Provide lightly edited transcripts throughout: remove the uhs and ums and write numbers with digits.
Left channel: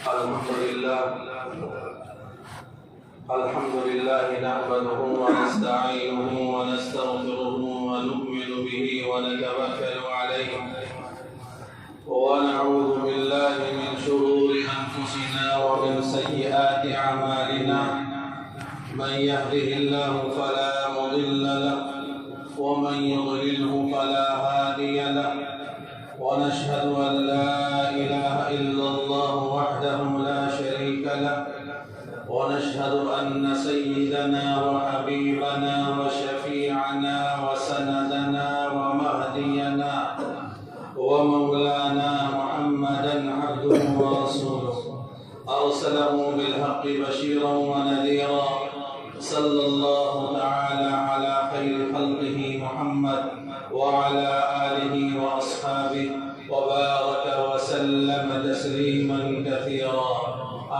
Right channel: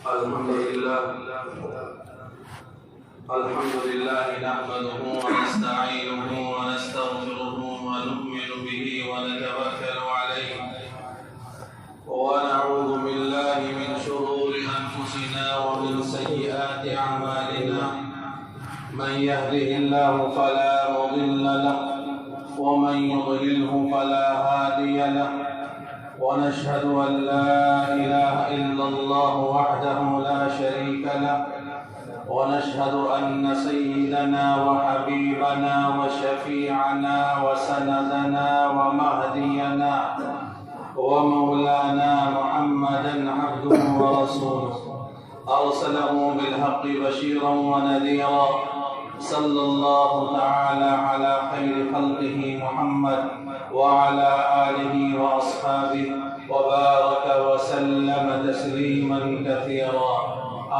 الحمد لله نحمده ونستعينه ونستغفره ونؤمن به ونتوكل عليه ونعوذ بالله من شرور أنفسنا ومن سيئات أعمالنا من يهده الله فلا مضل له ومن يضلله فلا هادي له ونشهد أن لا إله إلا الله وحده لا شريك له ونشهد أن سيدنا وحبيبنا وشفيعنا وسندنا ومهدينا ومولانا محمدا عبده ورسوله أرسله بالحق بشيرا ونذيرا صلى الله تعالى على خير خلقه محمد وعلى آله وأصحابه وبارك وسلم تسليما كثيرا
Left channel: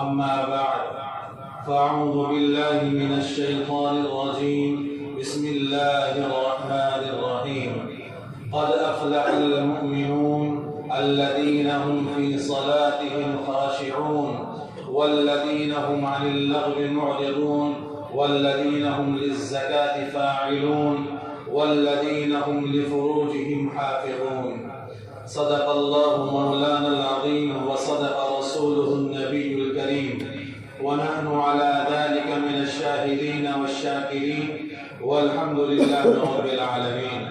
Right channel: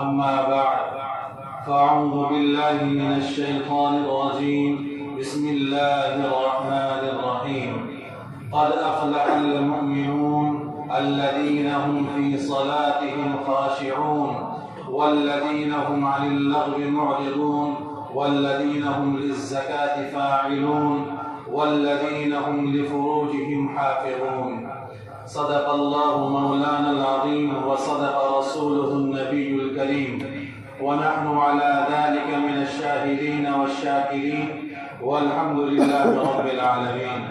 أما بعد فأعوذ بالله من الشيطان الرجيم بسم الله الرحمن الرحيم قد أفلح المؤمنون الذين هم في صلاتهم خاشعون والذين هم عن اللغو معرضون والذين هم للزكاة فاعلون والذين هم لفروجهم حافظون صدق الله مولانا العظيم وصدق رسوله النبي الكريم ونحن على ذلك من الشاهدين والشاكرين والحمد لله رب العالمين.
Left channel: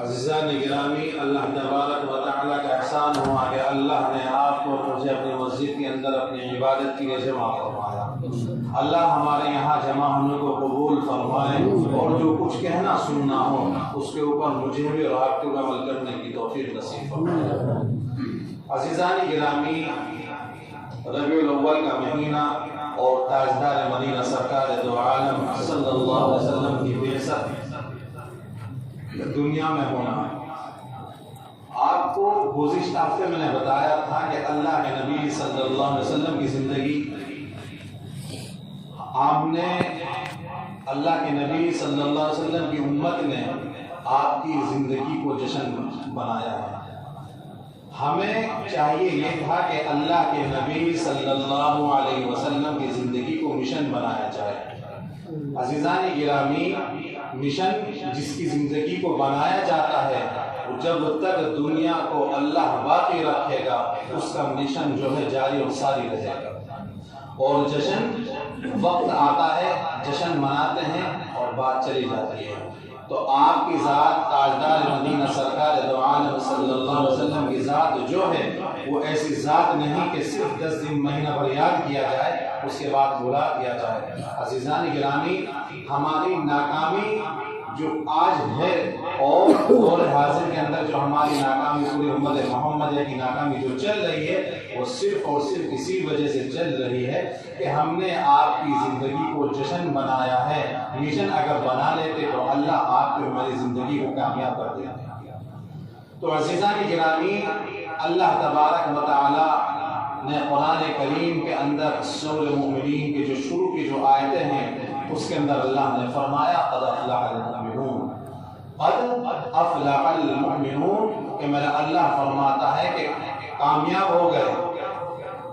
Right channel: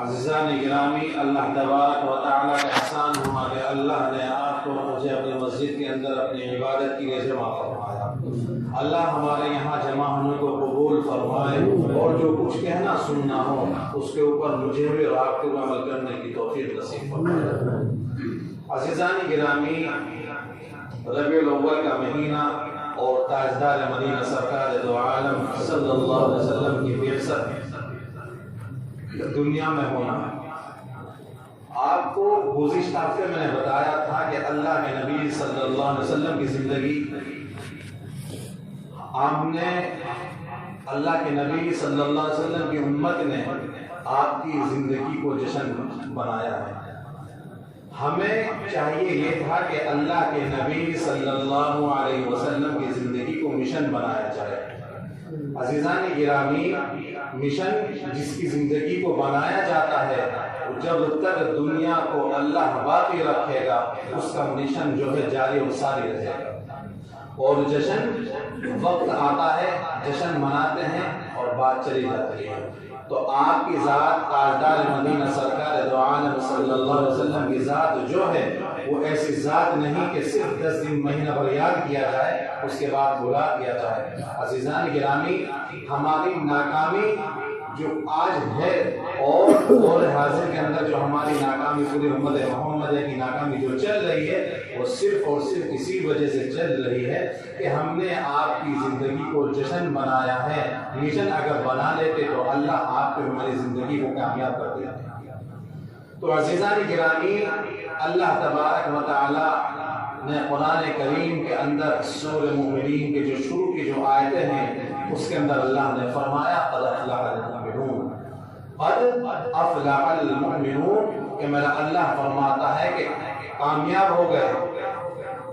عزیزان گرامی، اللہ تبارک و تعالیٰ کا احسان ہوا کہ اللہ نے آپ کو مجھے اپنی مسجد کے اندر اپنی عبادت کے لیے جمع فرمایا. اللہ ہمارے یہاں جمع ہونے کو قبول فرمائے اور جو کچھ کہنا سننا ہو اس کے اوپر مجھے بھی اور آپ کو عمل کرنے کی توفیق نصیب فرمائے. عزیزان گرامی، ربیع الاول کا مہینہ اور تاجدار مدینہ سرکار دو عالم صلی اللہ علیہ وسلم کی بعثت دنیا میں ہونا. آپ کو گزشتہ ہفتے میں نے بتایا تھا کہ اللہ کے نبی صلی اللہ علیہ وسلم کی زندگی، آپ نے اللہ کے نبی صلی اللہ علیہ وسلم کی امت نے آپ کی زندگی کو جشن بنایا ہے. ہمیں چاہیے یہ تھا کہ اللہ کے نبی صلی اللہ علیہ وسلم کی زندگی کو مشن بنایا جائے. عزیزان گرامی، مشن جس کی زندگی کو بنایا جاتا ہے جب تک دنیا کو اللہ باقی رکھے گا اس کا مشن جو ہے جاری و ساری رہے گا. اور جشن وقت آتا ہے، جشن مناتے ہیں اور بات چلی جاتی ہے. تو آپ کی ذات تاجدار مدینہ سرکار دو عالم صلی اللہ علیہ وسلم کی ذات جو ہے وہ ایسی ذات نہیں کہ صرف 10 دن مہینہ بھر یاد کیا جائے اس کے بعد بھلا دیا جائے. عزیزان گرامی، ہماری ناکامی جو آج ہے اور دور حاضر کے اندر جو ہماری ناکامی پوری امت محمدیہ کی ناکامی جو چل رہی ہے وہ صرف اور صرف اسی وجہ سے چل رہی ہے کہ ہم نے آپ کی زندگی کو جشن بنایا ہے. مشن اگر بنا لیتے تو اللہ آپ کو ہماری زندگی کو کامیاب کر دیا. تو عزیزان گرامی، اللہ تبارک و تعالی نے قرآن کریم کے اندر سورہ مومنین کے جو شروع کی جو آیتیں ہیں اس کے اندر اللہ نے فرمایا قد افلح المؤمنون، قد افلح المؤمنون، کہ میرا اللہ فرماتا ہے کہ کامیاب ہو گئے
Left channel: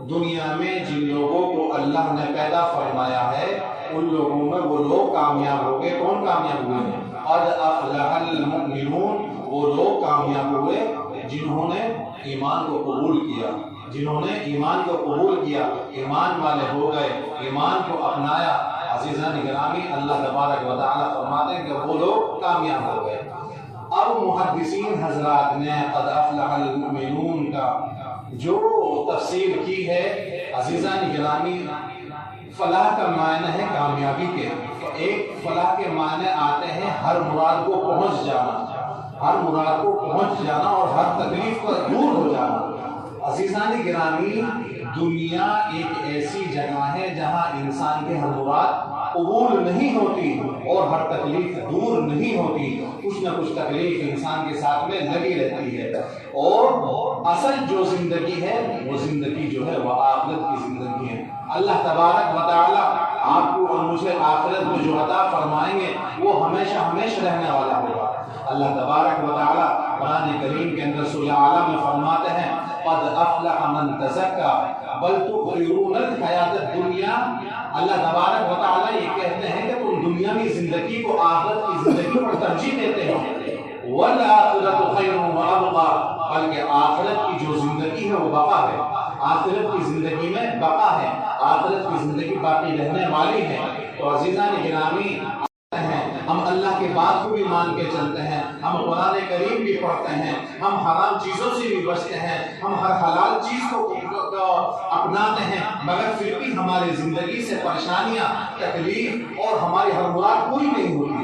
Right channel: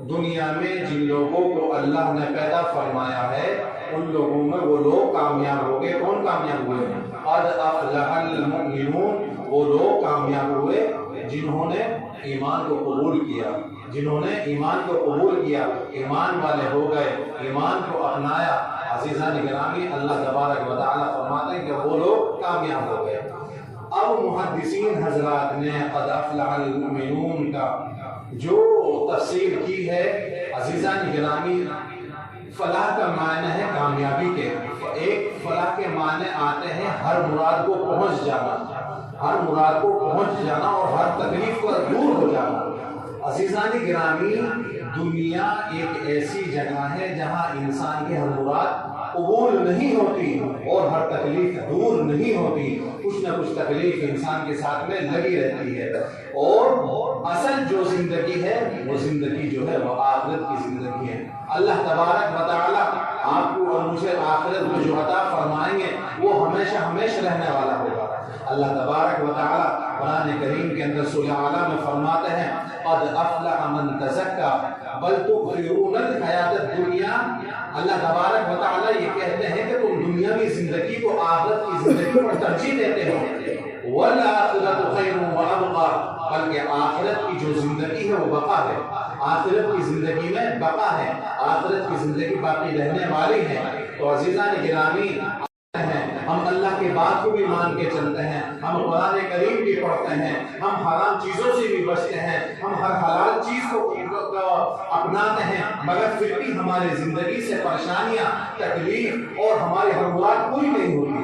دنیا میں جن لوگوں کو اللہ نے پیدا فرمایا ہے ان لوگوں میں وہ لوگ کامیاب ہو گئے. کون کامیاب ہوئے؟ قد افلح المؤمنون، وہ لوگ کامیاب ہوئے جنہوں نے ایمان کو قبول کیا، جنہوں نے ایمان کو قبول کیا، ایمان والے ہو گئے، ایمان کو اپنایا. عزیزان گرامی، اللہ تبارک و تعالی فرماتے ہیں کہ وہ لوگ کامیاب ہو گئے. اب محدثین حضرات نے قد افلح المؤمنون کا جو تفسیر کی ہے، عزیزان گرامی، فلاح کا معنی ہے کامیابی کے. ایک فلاح کے معنی آتے ہیں ہر مراد کو پہنچ جانا، ہر مراد کو پہنچ جانا اور ہر تکلیف کو دور ہو جانا. عزیزان گرامی، دنیا ایک ایسی جگہ ہے جہاں انسان کے ہر مراد قبول نہیں ہوتی اور ہر تکلیف دور نہیں ہوتی. کچھ نہ کچھ تکلیف انسان کے ساتھ میں لگی رہتی ہے. اور اصل جو زندگی ہے وہ زندگی جو ہے وہ آخرت کی زندگی ہے. اللہ تبارک و تعالی آپ کو اور مجھے آخرت میں جو عطا فرمائیں گے وہ ہمیشہ ہمیشہ رہنے والا ہوگا. اللہ تبارک و تعالی قرآن کریم کے اندر سورہ اعلیٰ میں فرماتے ہیں قد افلح من تزکا بل تؤثرون الحیات الدنیا. اللہ تبارک و تعالی یہ کہتے ہیں کہ تم دنیاوی زندگی کو آخرت کی زندگی پر ترجیح دیتے ہو. والآخرۃ خیر وابقی, بلکہ آخرت کی جو زندگی ہے وہ بقا ہے. آخرت کی زندگی میں بقا ہے, آخرت کی زندگی باقی رہنے والی ہے. تو عزیزان گرامی, ہم اللہ کی بات کو بھی مان کے چلتے ہیں, ہم قرآن کریم بھی پڑھتے ہیں, ہم حرام چیزوں سے بھی بچتے ہیں, ہم ہر حلال چیز کو اپناتے ہیں, مگر پھر بھی ہماری زندگی سے پریشانیاں, تکلیف اور ہماری ہر مراد پوری نہیں ہوتی.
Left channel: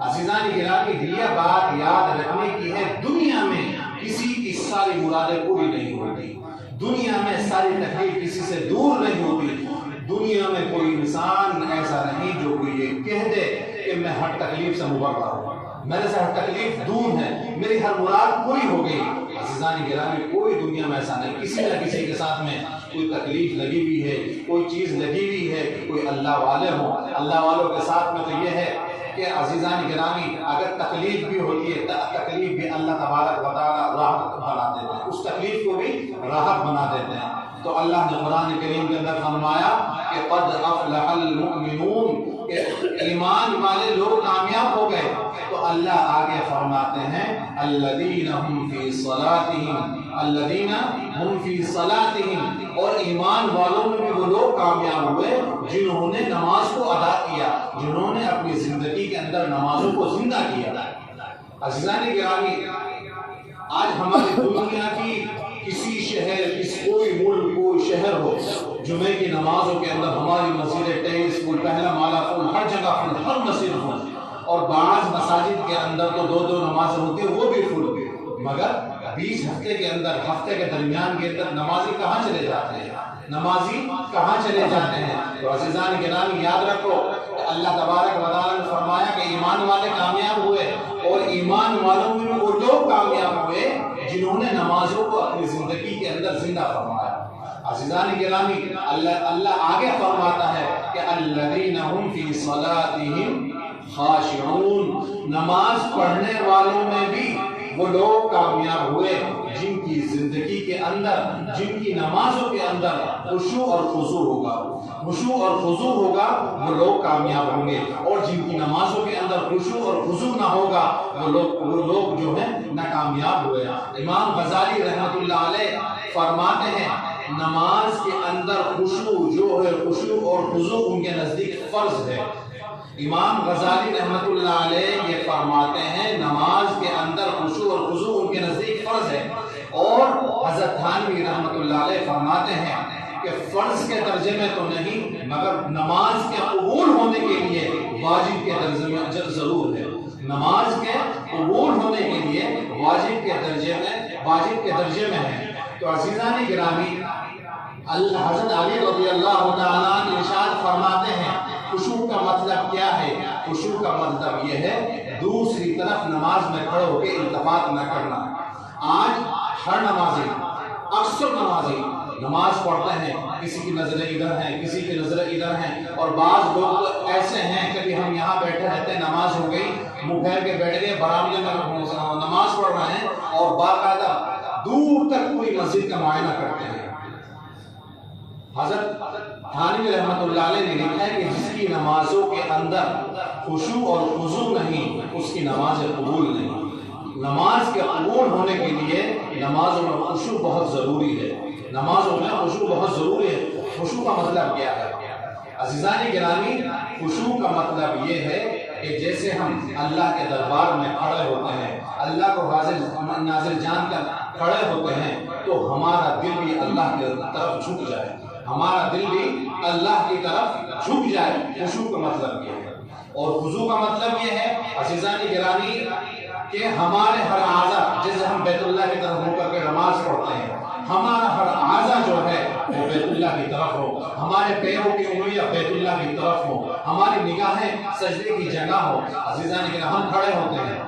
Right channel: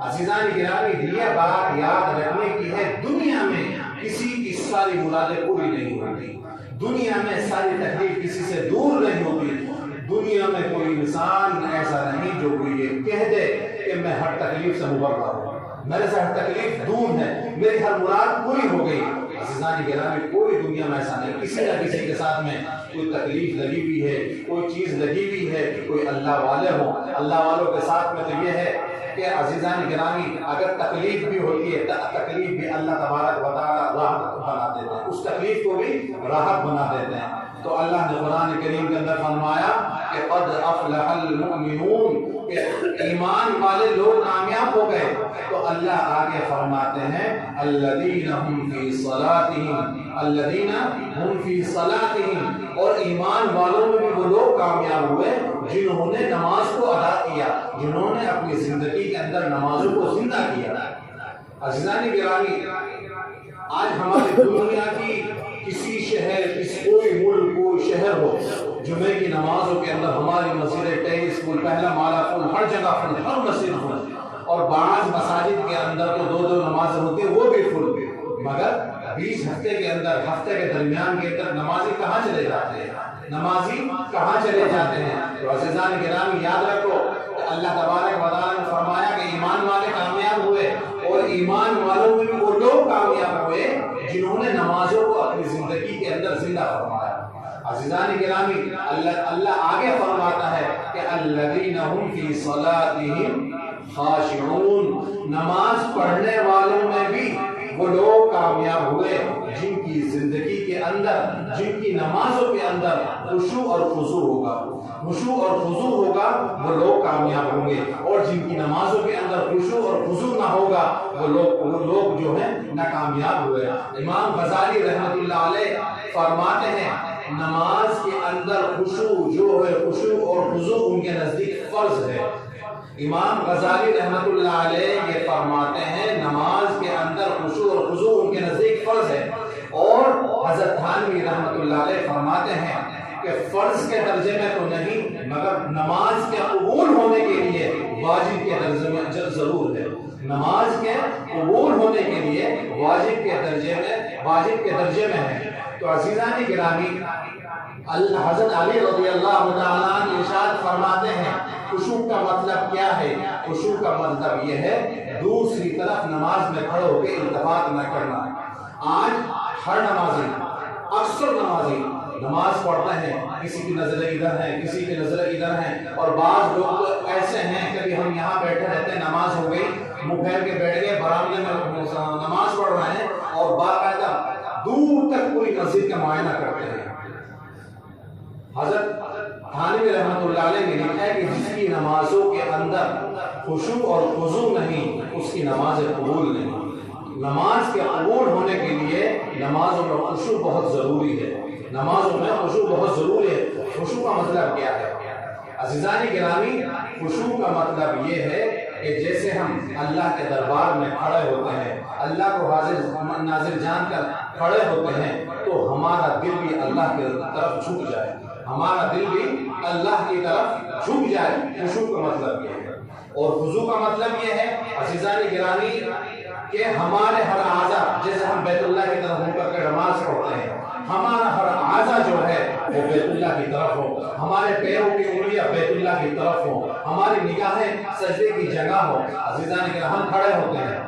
عزیزان گرامی, یہ بات یاد رکھنے کی ہے, دنیا میں کسی کی ساری مرادیں پوری نہیں ہوتی, دنیا میں ساری تکلیف کسی سے دور نہیں ہوتی. دنیا میں کوئی انسان ایسا نہیں جو یہ کہہ دے کہ میں ہر تکلیف سے مبرا ہوں, میرے سے ہر تکلیف دور ہے, میری ہر مراد پوری ہو گئی. عزیزان گرامی, کوئی دنیا میں ایسا نہیں. کسی نہ کسی کے ساتھ میں کوئی تکلیف لگی ہوئی ہے, کوئی چیز لگی ہوئی ہے. کوئی اللہ والے ہوں, اللہ والوں کے ساتھ میں تو یہ ہے کہ عزیزان گرامی, اگر تکلیف بھی ہوتی ہے, تکلیف بھی اللہ تبارک و تعالی راحت بنا دیتے ہیں, اس تکلیف کو بھی راحت بنا دیتے ہیں. تو اللہ نے قرآن کریم کے اندر فرمایا کہ قد افلح المؤمنون, کہ ایمان والے لوگ کامیاب ہو گئے. تو اللہ آگے فرماتے ہیں الذین هم فی صلاتهم, الذین هم فی صلاتهم, اور ایمان والوں میں بھی وہ لوگ کامیاب ہوئے جنہوں نے نماز کو ادا کیا, جنہوں نے اپنی زندگی کے اندر نمازوں کو زندہ کیا. عزیزان گرامی, آج ہماری دنیا کی کسی شہر, کوئی ملک, کوئی شہر ہو, جمعے کی نمازوں کے اندر ہماری مسجد 23 فل, پہلا مالا فل, ہر جگہ فل, ہر مسجد فل, اور بعض مساجد کے اندر تو دو نمازیں ہوتی ہیں وہ بھی فل. مگر 20 ہفتے کے اندر, ہفتے کے درمیان کے اندر نمازی کہاں چلے جاتے ہیں, نمازی کہاں چلے جاتے ہیں. تو عزیزان گرامی, یاد رکھو اللہ تبارک و تعالی نے فرمایا کہ ایمان والے کامیاب ہوئے, اور ایمان والوں میں بھی وہ لوگ کامیاب ہوئے جنہوں نے نمازوں کو اپنی زندگی کے اندر زندہ فرمایا. عزیزان گرامی, اللہ آگے فرماتا ہے کہ الذین هم فی صلاتهم خاشعون, نماز پڑھنے والوں میں بھی وہ لوگ کامیاب ہوئے جن کی زندگی کے اندر, جن کی نمازوں کے اندر خشوع اور خضوع ہوگا, خشوع اور خضوع ہوگا, وہ لوگ کامیاب ہوں گے. اور جن کی نمازوں کے اندر خشوع اور خضوع نہ ہوگا, وہ لوگ جو ہیں ناکامیاب ہوئے. امام غزالی رحمۃ اللہ علیہ فرماتے ہیں نماز کے اندر خشوع جو ہے, خشوع اور خضوع ان کے نزدیک فرض ہے. امام غزالی رحمۃ اللہ علیہ یہ فرماتے ہیں نماز کے اندر خشوع اور خضوع ان کے نزدیک فرض ہے. اور حضرت تھانوی رحمۃ اللہ علیہ فرماتے ہیں کہ فرض کے درجے میں تو نہیں, مگر نماز کے قبول ہونے کے لیے واجب کے درجے میں ضرور ہے. نماز کے قبول ہونے کے لیے واجب کے درجے میں ہے. تو عزیزان گرامی, حضرت علی رضی اللہ تعالیٰ عنہ ارشاد فرماتے ہیں خشوع کا مطلب کیا ہے. خشوع کا مطلب یہ ہے دوسری طرف نماز میں کھڑے ہو کے التفات نہ کرنا. آج ہر نمازی, اکثر نمازی نماز پڑھتے ہیں, کسی کی نظر ادھر ہے, کسی کی نظر ادھر ہے, اور بعض لوگ ایسے ہیں کہ ہم یہاں بیٹھے رہتے ہیں, نماز ہو گئی, منہ پھیر کے بیٹھ گئے, برآمدے میں نماز پڑھ رہے ہیں, اور باقاعدہ دور تک پوری مسجد کا معائنہ کرتے ہیں. حضرت تھانوی رحمۃ اللہ علیہ نے لکھا ہے کہ جس کی نمازوں کے اندر خشوع اور خضوع نہیں, اس کی نماز قبول نہیں. نماز کے قبول ہونے کے لیے نمازوں میں خشوع بہت ضروری ہے, نمازوں میں خشوع بہت ضروری ہے. خشوع کا مطلب کیا ہے عزیزان گرامی؟ خشوع کا مطلب یہ ہے کہ جیسے ہم اللہ کے دربار میں کھڑے ہوتے ہیں, اللہ کو حاضر ناظر جان کر کھڑے ہوتے ہیں, تو ہمارا دل بھی اللہ کی طرف جھک جائے, ہمارا دل بھی اللہ کی طرف جھک جائے. خشوع کا مطلب یہ ہے. اور خضوع کا مطلب یہ ہے عزیزان گرامی کہ ہمارے ہر اعضا, جیسے ہم بیت اللہ کی طرف ہو کر کے نماز پڑھتے ہیں, ہمارا ہر اعضا جو ہے وہ بیت اللہ کی طرف ہو, ہمارے پیروں کی انگلیاں بیت اللہ کی طرف ہو, ہماری نگاہیں سجدے کی جگہ ہو. عزیزان گرامی, ہم کھڑے ہوتے ہیں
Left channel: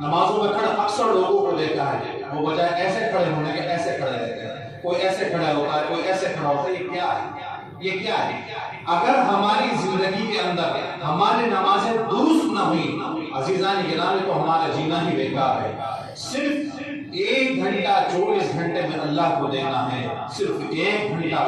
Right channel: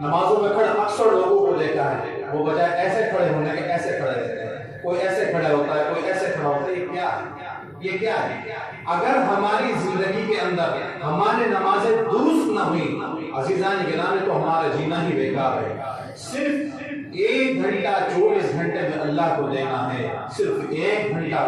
نمازوں میں, کھڑے اکثر لوگوں کو دیکھا ہے وہ بجائے ایسے کھڑے ہونے کے ایسے کھڑے رہتے ہیں, کوئی ایسے کھڑا ہوتا ہے, کوئی ایسے کھڑا ہوتا ہے. یہ کیا ہے, یہ کیا ہے؟ اگر ہماری زندگی کے اندر ہماری نمازیں درست نہ ہوئی عزیزان گرامی, تو ہمارا جینا ہی بیکار ہے. صرف 1 گھنٹہ 24 گھنٹے میں اللہ کو دینا ہے، صرف 1 گھنٹہ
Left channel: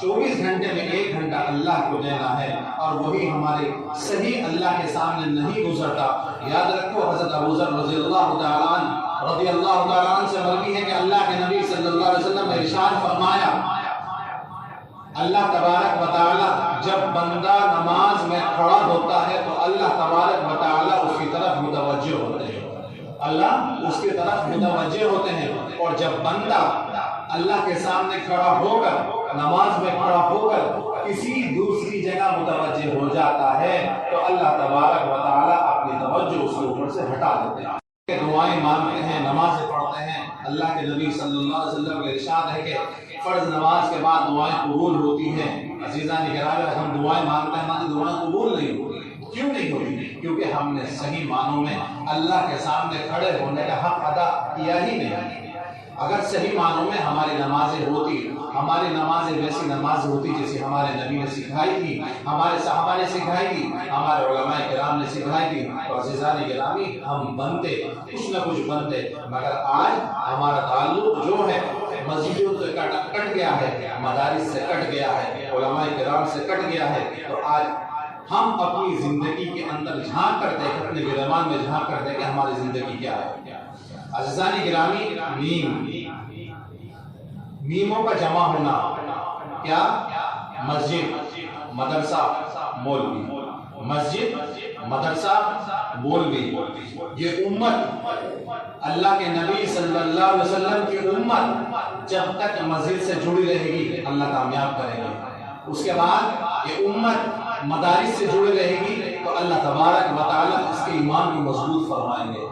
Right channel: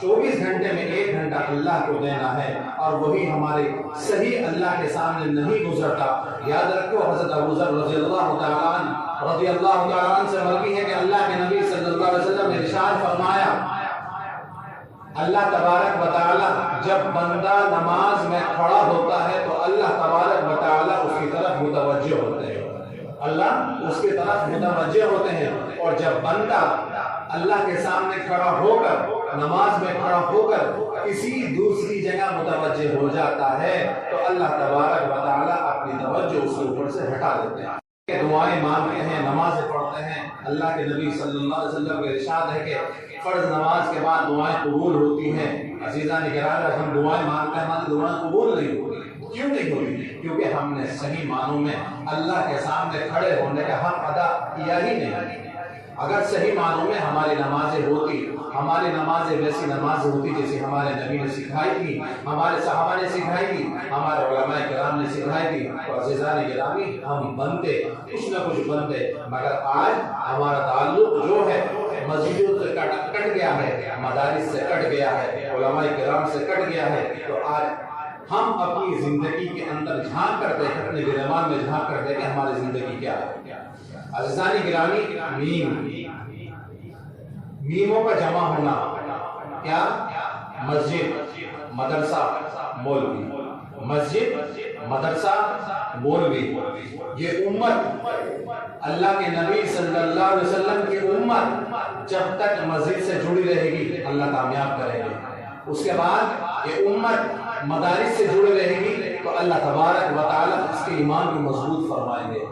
24 گھنٹے میں 1 گھنٹہ اللہ کو دینا ہے، اور وہی ہمارے صحیح اللہ کے سامنے نہیں گزرتا۔ یاد رکھو حضرت ابو ذر رضی اللہ تعالیٰ عنہ سے مروی ہے کہ اللہ کے نبی صلی اللہ علیہ وسلم نے ارشاد فرمایا، اللہ تبارک و تعالی جب بندہ نماز میں کھڑا ہوتا ہے تو اللہ تبارک و تعالی اس کی طرف متوجہ ہوتے ہیں، اللہ اس کی طرف متوجہ ہوتے ہیں، اور جب بندہ اللہ کے سامنے کھڑا ہو کر نماز میں کھڑا ہو کر کسی دوسری جگہ متوجہ ہو جاتا ہے تو اللہ تبارک و تعالی اپنی توجہ اس کے اوپر سے ہٹا دیتے ہیں۔ دعائیں مانگتے ہیں، نمازیں پڑھتے ہیں، اللہ کے نبی صلی اللہ علیہ وسلم کا ارشاد ہے کہ فرض نماز کے بعد دعائیں قبول ہوتی ہیں۔ عزیزان گرامی، ہم دعائیں مانگتے ہیں، ہماری دعائیں قبول نہیں ہوتی۔ کیوں نہیں ہوتی؟ کیونکہ ہم نے صحیح معنوں میں اللہ کے سامنے کھڑے ہونے کا حق ادا کیا ہی نہیں۔ اگر صحیح معنوں میں ہماری نمازیں ہوتی، ہماری نمازیں ویسی نمازیں ہوتی جیسے ہمارے نبی نے سکھائی تھی، ہمارے صحابہ نے سکھائی تھی، ہمارے علماء کرام نے سکھائی تھی، تو عزیزان گرامی ہم بنتے، کچھ نہ کچھ بنتے۔ مگر آج ہمارا تعلق جو ہے مسجدوں سے کٹ گیا ہے، مدارس سے کٹ گیا ہے، علماء کرام سے کٹ گیا ہے، تو آج ہم اپنی زندگی کے اندر جھانک کر دیکھ، اپنے گریبان میں جھانک کر دیکھ کہ ہماری زندگی کیا ہے۔ عزیزان گرامی، میموں کا جمع ہونا کیا؟ مسجد، مدرسہ، مولوی، مسجد، مدرسہ، مولوی۔ یہ امت، اللہ کے نبی صلی اللہ علیہ وسلم کی امت جب تک مسجد سے جڑی رہے گی اللہ کامیاب کرے گی۔ اس کے بعد یہ امت مدارس سے جڑی رہے گی تو اللہ تبارک و تعالیٰ اس کے ایمان کو مضبوط فرمائیں گے۔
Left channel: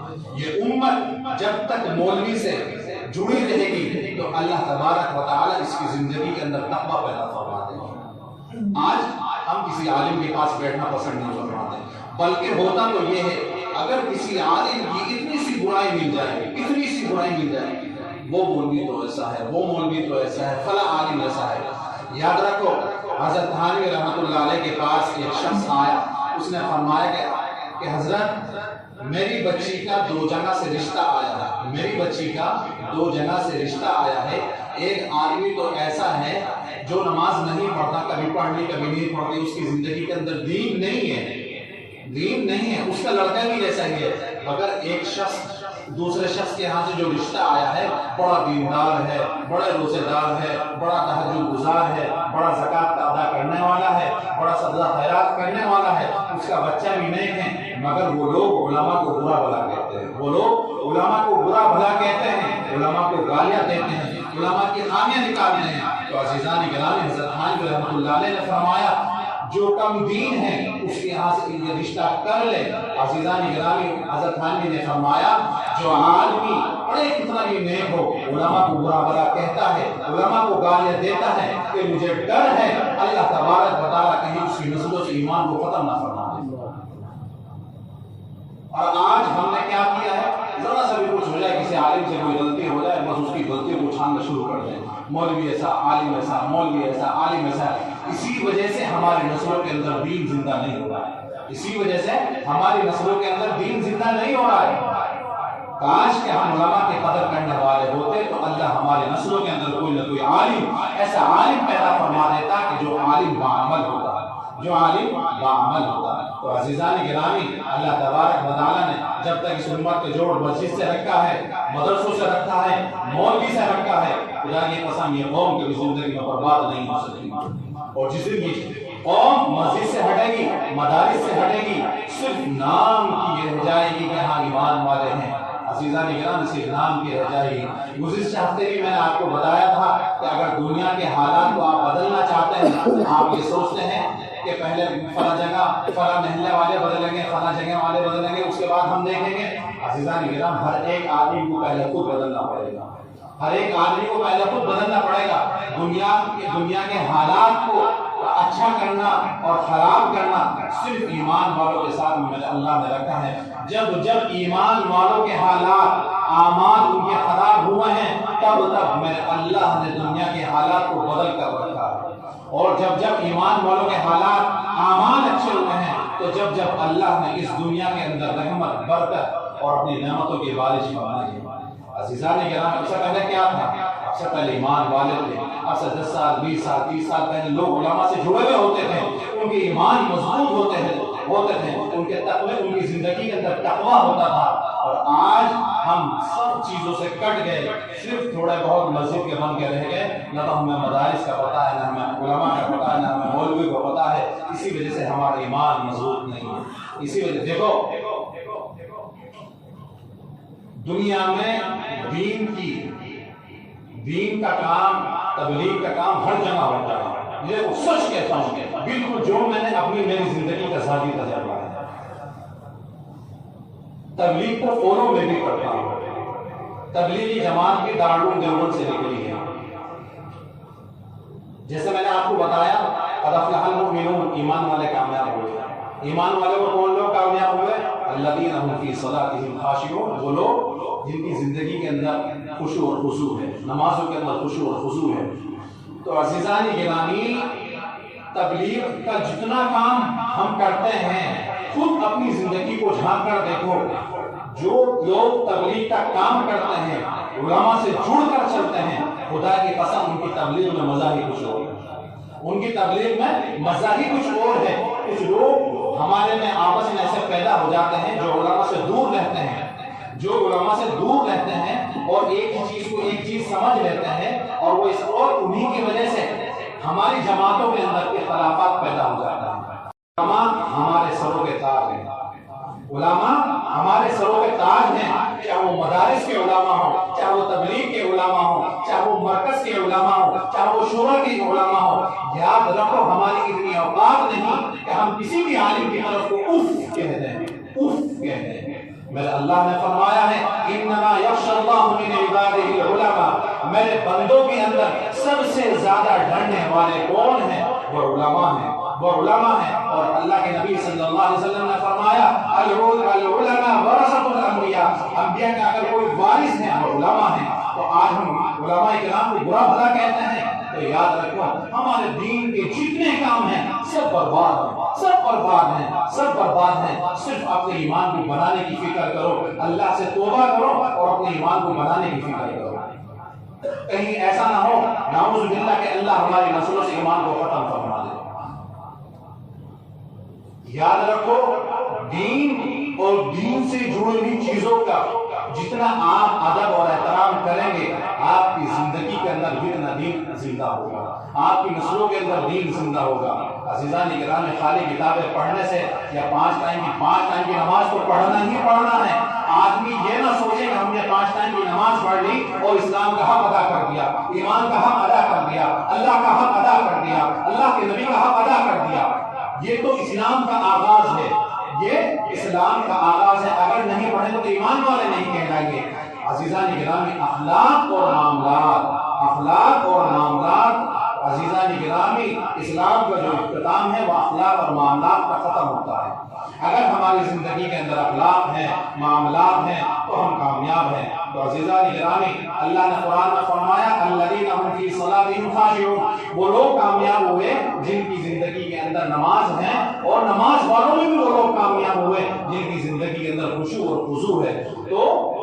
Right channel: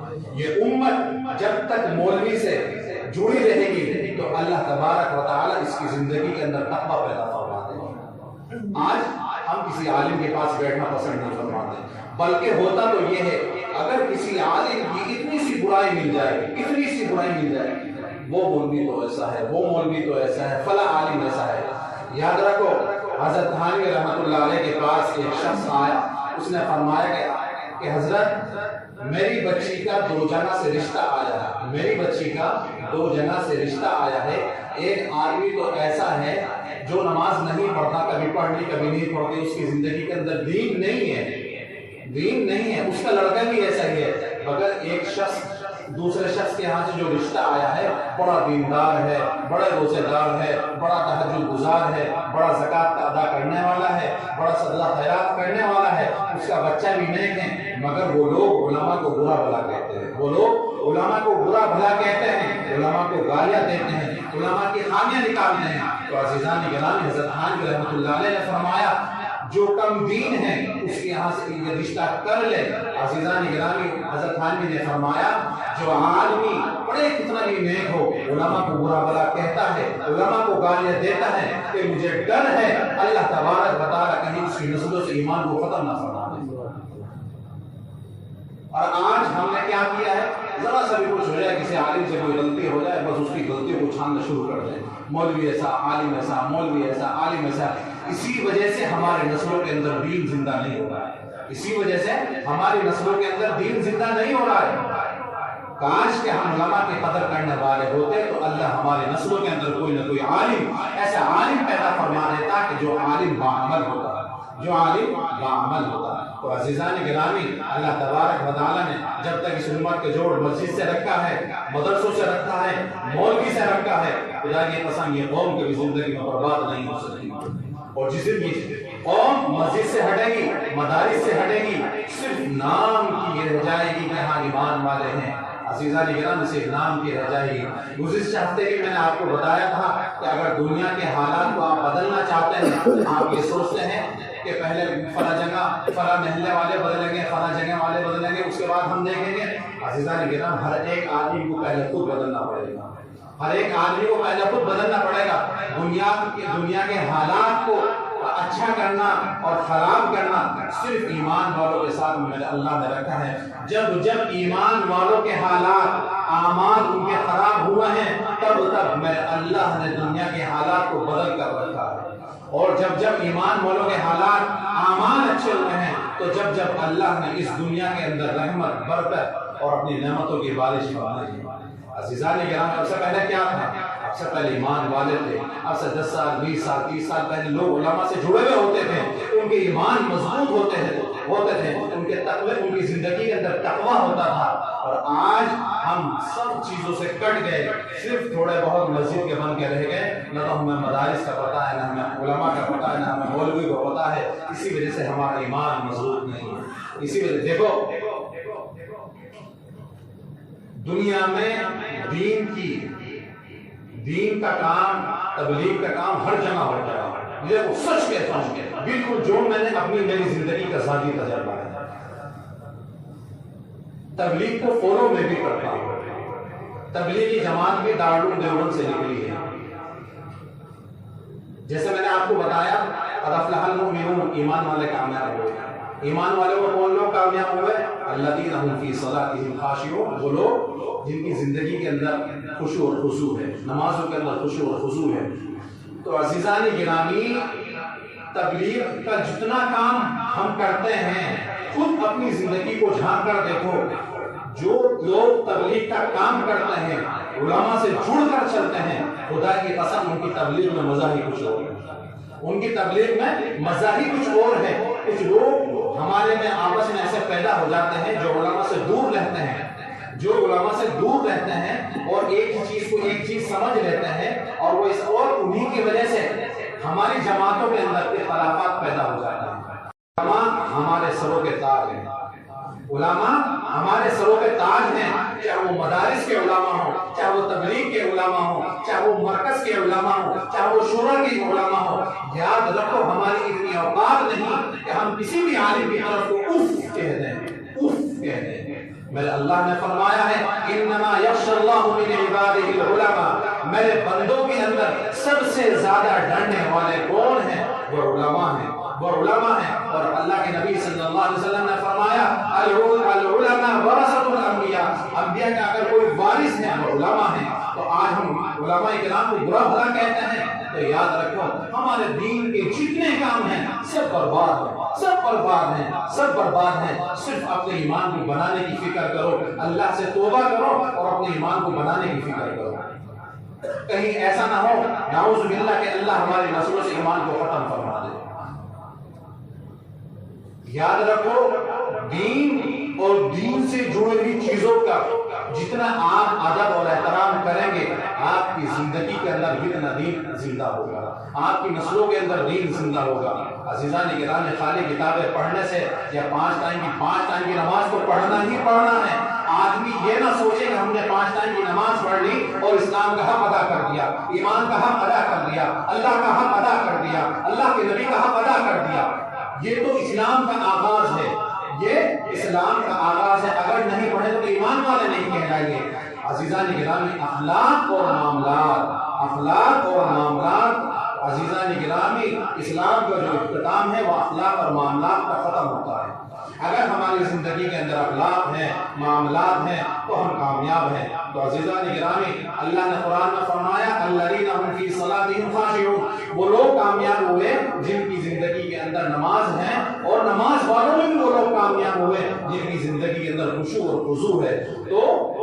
یہ امت جب تک مولوی سے جڑی رہے گی تو اللہ تبارک و تعالیٰ اس کی زندگی کے اندر تقویٰ پیدا فرما دے گا۔ آج ہم کسی عالم کے پاس بیٹھنا پسند نہیں فرماتے، بلکہ ہوتا تو یہ ہے اگر کسی عالم کی اتنی سی برائی مل جائے، اتنی سی برائی مل جائے، وہ مولوی تو ایسا ہے، وہ مولوی تو ایسا ہے، فلاں عالم ایسا ہے۔ یاد رکھو حضرت تھانوی رحمۃ اللہ علیہ کے پاس ایک شخص آیا، اس نے فرمایا کہ حضرت میری بچی کا 2 جگہ سے رشتہ آیا ہے، میری بچی کا 2 جگہ سے رشتہ آیا ہے۔ ایک آدمی تو ایسا ہے جو نماز نہیں پڑھتا، کبھی پڑھنی کبھی نہیں پڑھتی، اس کی زندگی کے اندر دین نہیں ہے، دین نہیں ہے، اس کا لڑکا بھی ایسا ہی ہے، مگر ایک شخص دوسرے شخص کے ہاں سے جو رشتہ آیا ہے بڑا دیندار ہے، بڑا روزے دار ہے، بڑا تہجد گزار ہے، بڑا زکوٰۃ ادا کرنے والا ہے، بڑا صدقہ خیرات کرنے والا ہے، اس کا بچہ بھی نیک ہے، مگر وہ لوگ علماء کو برا بھلا کہتے ہیں، وہ لوگ علماء کو برا بھلا کہتے ہیں، علماء کو گالیاں دیتے ہیں، علماء کی خامیاں نکالتے ہیں۔ تو عزیزان گرامی، حضرت تھانوی رحمۃ اللہ علیہ نے فرمایا جو کم دین ہے اس کے یہاں سے یہ رشتہ کر لے۔ عزیزان گرامی، حضرت تھانوی نے فرمایا جو آدمی بڑے کتنا بھی نیک ہو، علماء کو برا بھلا کہتا ہے، علماء کو گالیاں دیتا ہے، کہ مجھے ڈر ہے اللہ تبارک و تعالیٰ کہیں اس کی نسلوں سے ایمان کو ختم نہ فرما دے۔ اور آج ہم نے کیا کیا ہے، ذرا سا بھی کچھ ہو جائے، کسی عالم سے کوئی غلطی ہو جائے، بس اس کی غلطیوں کو چھاننا شروع کر دیں، مولوی ایسا، عالم ایسا، مولوی ایسا، عالم ایسا۔ اسی وجہ سے ہماری نسلوں کے اندر دین زندہ نہیں ہو رہا ہے، اسی وجہ سے ہماری نسلوں کے اندر دین زندہ نہیں ہو رہا ہے۔ کاش کہ ہم علماء کی قدر کرنے والے ہوتے تو اللہ ہماری نسلوں کے اندر کوئی نہ کوئی عالم، ایسا عالم پیدا فرما دیتا کہ جو عالم باعمل ہوتا، جو عالم باعمل ہوتا۔ تو عزیزان گرامی، اللہ تبارک و تعالیٰ نے جب تک اس امت کے جوڑ مسجد سے رکھا ہے، مدرسوں سے رکھا ہے، مولوی سے رکھا ہے، خدا کی قسم یہ قوم کبھی زندگی میں برباد نہیں ہو سکتی۔ اور جس دن بھی قوم مسجد سے ہٹے گی، مدارس سے ہٹے گی، صرف نام کی رہ جائے گی کہ ہاں ایمان والے ہیں۔ عزیزان گرامی، صرف نام کی رہ جائے گی۔ گزشتہ ہفتے بھی میں نے آپ کو بتایا تھا کہ اگر دنیا کے حالات کو آپ بدلنا چاہتے ہیں، آپ یہ سوچتے ہیں کہ پہلے فلاں جگہ فلاں محلے والے بدلیں گے، فلاں جگہ والے بدلیں گے، اس کے بعد ہم دیکھیں گے۔ عزیزان گرامی، ہر ایک آدمی کو پہلے خود بدلنا پڑے گا، ہر ایک آدمی کو پہلے خود بدلنا پڑے گا۔ دنیا کے حالات کو اچھا کرنا اور خراب کرنا صرف ایمان والوں کے ساتھ میں اللہ نے رکھا ہے۔ جب ایمان والوں کے حالات، اعمال ان کے خراب ہوئے ہیں، تب میرے اللہ نے دنیا کے حالات کو بدل کر رکھا ہے۔ اور جب ایمان والوں کے حالات، اعمال اچھے ہوئے ہیں، تو جب اللہ نے اس دنیا کے اندر رحمت، برکت اور اپنی نعمتوں کی بارش فرمائی ہے۔ عزیزان گرامی، اب سے پہلے کیا تھا؟ اب سے پہلے ایمان والے تھے، اب سے 10 سال 20 سال 30 سال پہلے لوگ علماء سے جڑے ہوئے ہوتے تھے، ان کے ایمان مضبوط ہوتے تھے، ان کے تقوی، ان کی زندگی کے اندر تقوی ہوتا تھا. اور آج ہم سب چیزوں سے کٹ گئے، صرف تھوڑے بہت مسجد کے بن کے رہ گئے، نہ تو ہمیں مدارس کا پتہ ہے، نہ ہمیں علماء کا پتہ ہے، نہ ہمیں مولوی کو پتہ ہے. اسی وجہ سے ہمارا ایمان مضبوط نہیں ہے. اسی وجہ دیکھو دنیا میں دین کا کام، تبلیغ کا کام ہر جگہ ہوتا ہے. یہ وہ سچ کہتا ہوں کہ بالکل جو میں نے میری زندگی کا ذاتی تجربہ ہے. تبلیغ کو فالو میں بھی کرتا ہوں. تبلیغی جماعت بھی دارالعلوم دیوبند سے نکلی ہے. جیسے میں نے آپ کو بتایا قد افلح المؤمنون، ایمان والے کامیاب ہوئے. ایمان والے کو کون لوگ کامیاب ہوئے؟ الذین هم فی صلاتهم خاشعون، وہ لوگ جن کی زندگی کے اندر خشوع اور خضوع ہے، نمازوں کے اندر خشوع اور خضوع ہے. تو عزیزان گرامی، تبلیغ کا جتنا کام ہم کرتے ہیں، خود اپنی زندگی کو جھانک کر دیکھو. جو لوگ تبلیغ کا کام کرتے ہیں، علماء سے جڑ کر چلتے ہیں، خدا کی قسم ان کی تبلیغ میں مزہ ہی کچھ اور ہے. ان کی تبلیغ میں مزہ ہی کچھ اور ہے. کچھ لوگ ہمارے میں آپس میں ایسے پیدا ہو جاتے ہیں جو علماء سے دور رہتے ہیں، اور ایک ہی چیز کو ایک چیز سمجھ لیتے ہیں، اور وہ اس اور انہیں کی وجہ سے ہماری جماعتوں کے اندر اختلافات پیدا ہو جاتے ہیں. علماء ہمارے سروں کے تاج ہیں. علماء ہمارے سروں کے تاج ہیں، چاہے وہ مدارس کے علماء ہوں، چاہے وہ تبلیغ کے علماء ہوں، چاہے وہ مرکز کے علماء ہوں، چاہے وہ شورا کے علماء ہوں. یاد رکھو ہماری اتنی اوقات نہیں کہ ہم کسی بھی عالم کی طرف کو اف کہہ دیں، اف کہہ دیں. میرے اللہ نے فرمایا ہے انما یخشی اللہ من عبادہ العلماء، میرے بندوں کے اندر سب سے زیادہ ڈرنے والے کون ہیں؟ وہ علماء ہیں، وہ علماء ہیں. اور اللہ کے نبی صلی اللہ علیہ وسلم نے فرمایا العلماء ورثۃ الانبیاء، انبیاء کا اگر کوئی وارث ہے وہ علماء ہیں. تو آج ہم علماء کرام کو برا بھلا کہتے ہیں، تو یاد رکھو ہمارے دین کے جتنے کام ہیں سب برباد ہیں، سب برباد ہیں، سب برباد ہیں. صرف اپنے ایمان کو بنانے کی فکر کرو، اللہ سے توبہ کرو اور اپنے ایمان کو بنانے کی فکر کرو. کہیں ایسا نہ ہو نعوذ باللہ کہ اللہ ہماری نسلوں سے ایمان کو ختم فرما دے. یاد رکھو دین اور دین سے جڑی ہوئی چیزوں کا جتنا آپ ادب اور احترام کریں گے، آپ کی زندگی کے اندر دین زندہ ہوگا، آپ کی نسلوں کے اندر دین زندہ ہوگا. عزیزان گرامی، خالی کتابیں پڑھنے سے یا 5 ٹائم کی نماز تو پڑھنا ہی پڑھنا ہے. آدمی یہ نہ سوچے کہ ہم نے 5 ٹائم کی نماز پڑھ لی اور اسلام کا حق ادا کر دیا، ایمان کا حق ادا کر دیا، اللہ کا حق ادا کر دیا، اللہ کے نبی کا حق ادا کر دیا. یہ تو اسلام کا آغاز ہے، یہ اسلام کا آغاز ہے. اگر نہیں پڑھے تو ایمان والے نہیں کہلائیں گے. عزیزان گرامی، اخلاق اور معاملات عزیزان گرامی، اسلام کا جو اختتام ہے وہ اخلاق اور معاملات کا ختم ہوتا ہے. اگر ہماری زندگی کے اندر اخلاق ہیں، معاملات ہیں، تو ہم کامیاب ہیں. تو عزیزان گرامی، اللہ نے قرآن میں فرمایا الذین هم فی صلاتهم خاشعون، وہ لوگ کامیاب ہوئے جن کی زندگی کے اندر نماز ہے، اور نماز والوں میں بھی وہ لوگ کامیاب ہوئے جن کی زندگی کے اندر خشوع اور خضوع ہے. تو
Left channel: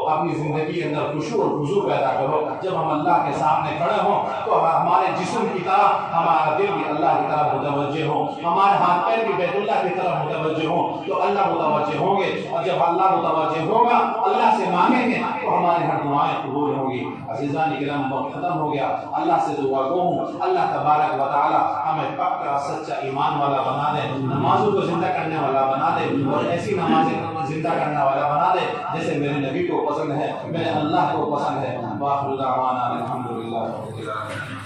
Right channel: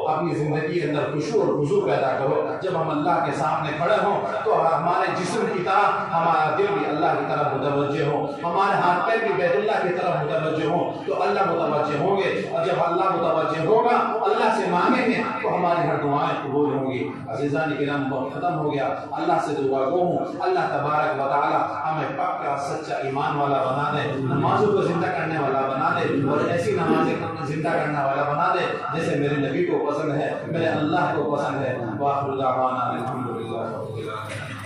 اپنی زندگی کے اندر خشوع اور خضوع پیدا کرو. جب ہم اللہ کے سامنے کھڑے ہوں تو ہمارے جسم کی طرف ہمارا دل بھی اللہ کی طرف متوجہ ہو، ہمارے ہاتھ پیر بھی بیت اللہ کی طرف متوجہ ہوں، تو اللہ متوجہ ہوں گے. اور جب اللہ متوجہ ہوگا، اللہ سے مانگیں گے تو ہماری ہر دعائیں قبول ہوں گی. عزیزان کرام، وقت ختم ہو گیا. اللہ سے دعا گو ہوں اللہ تبارک و تعالی ہمیں پکا سچا ایمان والا بنا دے، نمازوں کو زندہ کرنے والا بنا دے، اور ایسی نمازیں زندہ کرنے والا بنا دے جیسے میرے نبی کو پسند ہے، میرے اللہ کو پسند ہے. وآخر دعوانا الحمدللہ رب العالمین.